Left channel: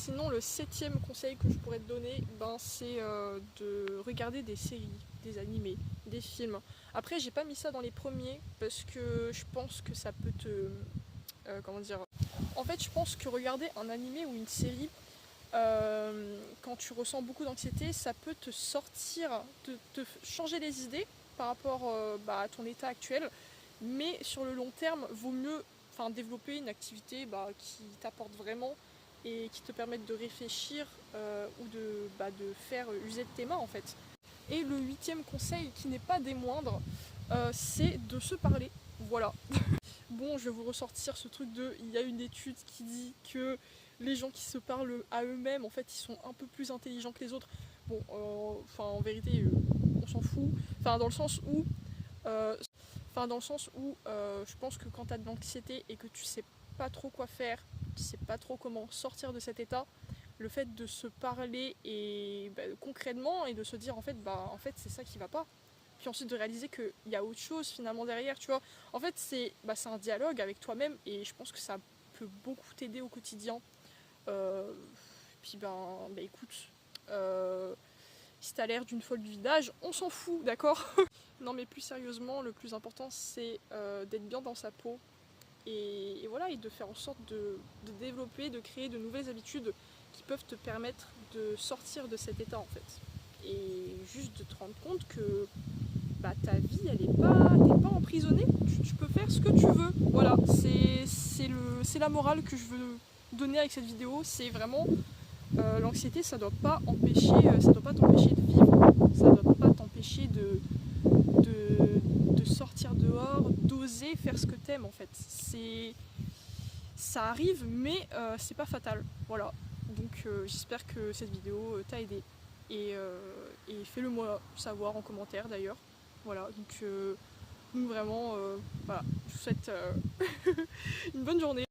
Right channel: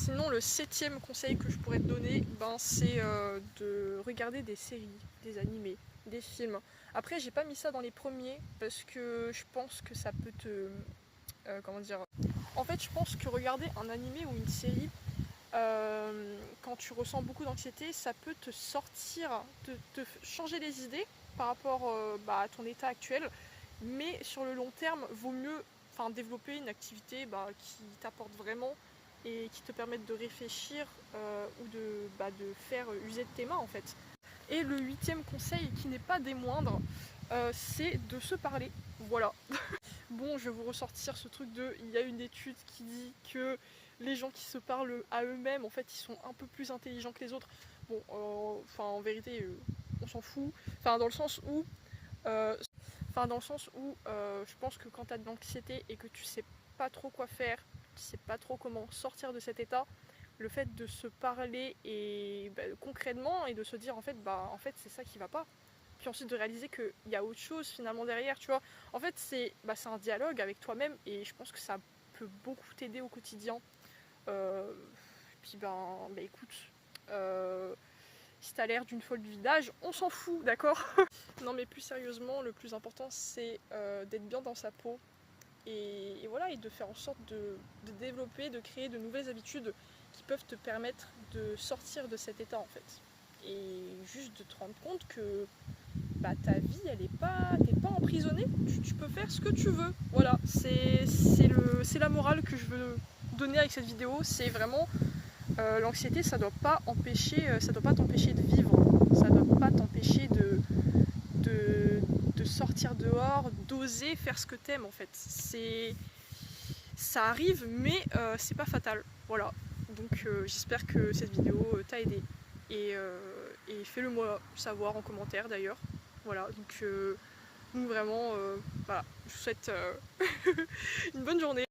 Sinon, le 7e conseil que je pourrais te donner, ben, c'est de regarder des séries, des animés, des films. Après, j'ai pas mis ça dans les premiers parce que je pense que ça peut te... comment dire? En fait, je pense que regarder un animé ou une série, quand tu ressens beaucoup d'anxiété, ça peut te sortir, te changer les idées par rapport à ton état actuel. Mais sur le long terme, vaut mieux développer une activité qui t'apporte vraiment et qui te permette de réfléchir ou de faire user de tes mains en fait. Et le 8e conseil, qui n'est pas des moindres, c'est de se parler. Voilà. Bon, je vais vous ressortir ce truc de... Il y a une étude qui dit que les gens qui se parlent à eux-mêmes, en fait, ils sont un peu plus intelligents que les autres. Bon, en vérité, on s'en fout. Enfin, dans le sens où... euh, je pense que quand tu as de l'anxiété et que tu sais pas trop quoi faire, tu sais pas trop comment sortir de cet état, le fait de se parler et concrètement et de se dire en fait c'est ça qui va pas. Puis ensuite de réaliser qu'il y a autre chose finalement derrière, tu vois. En fait c'est un dialogue avec toi-même et je pense que ça peut beaucoup t'aider au quotidien. Euh, Puis écoute, euh, si t'as l'air d'une folle du village, on s'en fout, d'accord? Non mais plus sérieusement, le plus important c'est d'être bien dans sa peau et voilà, et de faire en sorte de développer, de créer de nouvelles habitudes qui peuvent te permettre de sortir de cet état en fait. Et juste de te rendre compte que ta vie elle est pas, t'es pas emprisonné, tu peux faire ce que tu veux. Voilà, c'est la morale que je veux donner avec cette vidéo, c'est vraiment l'anxiété ça doit pas ça doit pas t'empêcher de vivre, ça doit pas t'empêcher de sortir dehors, d'oser faire ce que t'aimes en fait. Ça arrive, mais c'est pas fatal. Voilà. Donc j'espère que cette vidéo t'a aidé. Et fais-le moi savoir en commentaire d'ailleurs. Voilà. Donc vraiment, voilà. Je vous souhaite une bonne journée.